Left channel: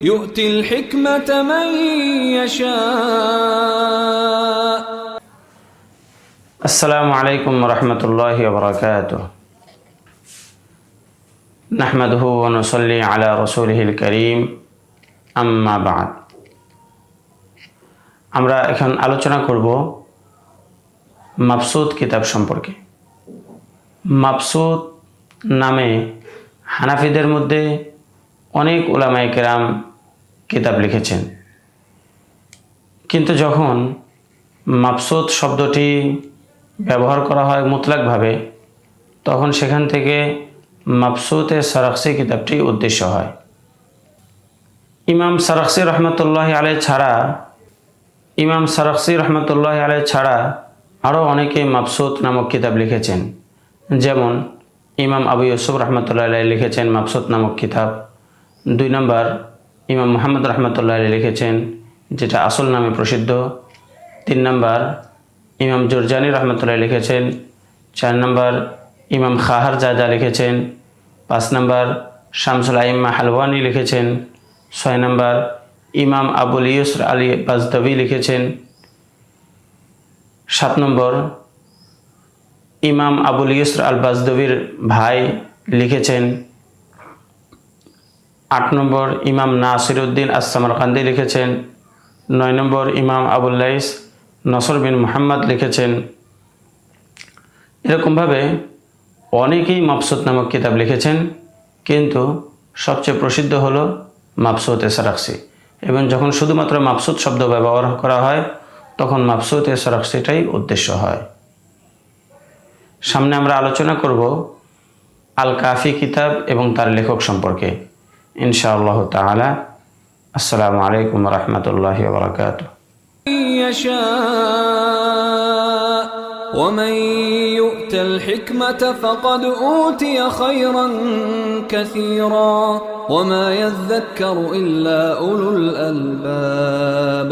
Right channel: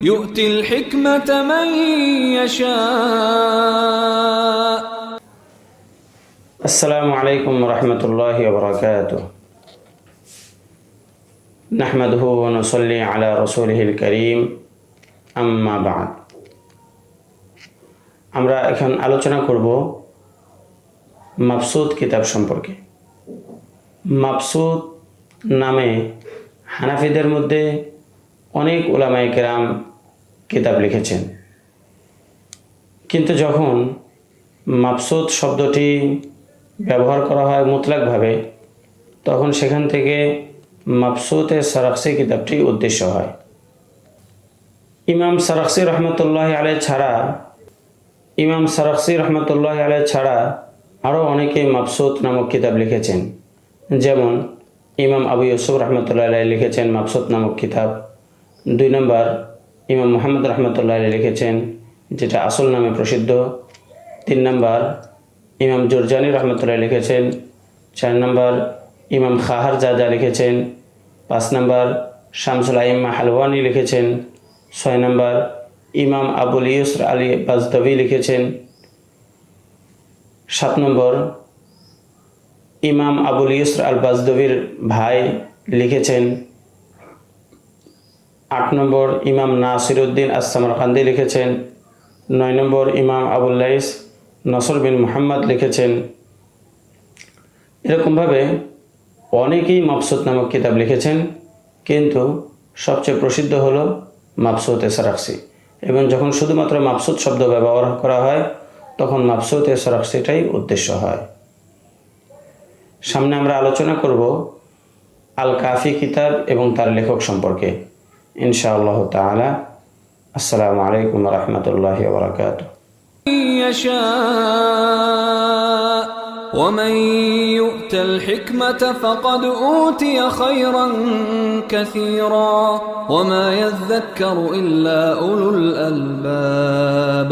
يؤتي الحكمة من يشاء. السلام عليكم ورحمة الله وبركاته. نحمده ونصلي على رسوله الكريم أما بعد. আমরা এখন আলোচনা করব মাবসুত কিতাব সম্পর্কে। মাবসুত নামে হানাফিদের মধ্যে অনেক উলামায়ে কেরাম কিতাব লিখেছেন, কিন্তু যখন মাবসুত শব্দটি ব্যবহার করা হয় মুতলাকভাবে, তখন সেখান থেকে মাবসুতে সারাখসি কিতাবটি উদ্দেশ্য হয়। ইমাম সারাখসি রহমতুল্লাহ আলাইহি ছাড়া আরও অনেকে মাবসুত নামক কিতাব লিখেছেন। যেমন ইমাম আবু ইউসুফ রহমতুল্লাহ আলাইহি লিখেছেন মাবসুত নামক কিতাব। 2 নম্বর ইমাম মুহাম্মদ রহমতুল্লাহ আলাইহি লিখেছেন, যেটা আসল নামে প্রসিদ্ধ। 3 নম্বর ইমাম জুরজানি রহমতুল্লাহ লিখেছেন। 4 নম্বর ইমাম খাহারজাদা লিখেছেন। 5 নম্বর শামসুল আইম্মা হালওয়ানি লিখেছেন। 6 নম্বর ইমাম আবুল ইউসর আলী বাজদাবি লিখেছেন। 7 নম্বর ইমাম আবুল ইউসর আল বাজদাবির ভাই লিখেছেন। 8 নম্বর ইমাম নাসিরউদ্দিন আস-সামারকান্দি লিখেছেন। 9 নম্বর ইমাম আবুল লাইস নসর বিন মুহাম্মদ লিখেছেন। এরকমভাবে অনেকেই মাবসুত নামক কিতাব লিখেছেন, কিন্তু সবচেয়ে প্রসিদ্ধ হলো মাবসুতে সারাখসি। এবং যখন শুধুমাত্র মাবসুত শব্দ ব্যবহার করা হয়, তখন মাবসুতে সারাখসিটাই উদ্দেশ্য হয়। সামনে আমরা আলোচনা করব আল কাফি কিতাব এবং তার লেখক সম্পর্কে ইনশাআল্লাহ তাআলা। আসসালামু আলাইকুম ওয়া রাহমাতুল্লাহি ওয়া বারাকাতুহু। يشاء ومن يؤت الحكمة فقد أوتي خيرا كثيرا وما يذكر إلا أولو الألباب.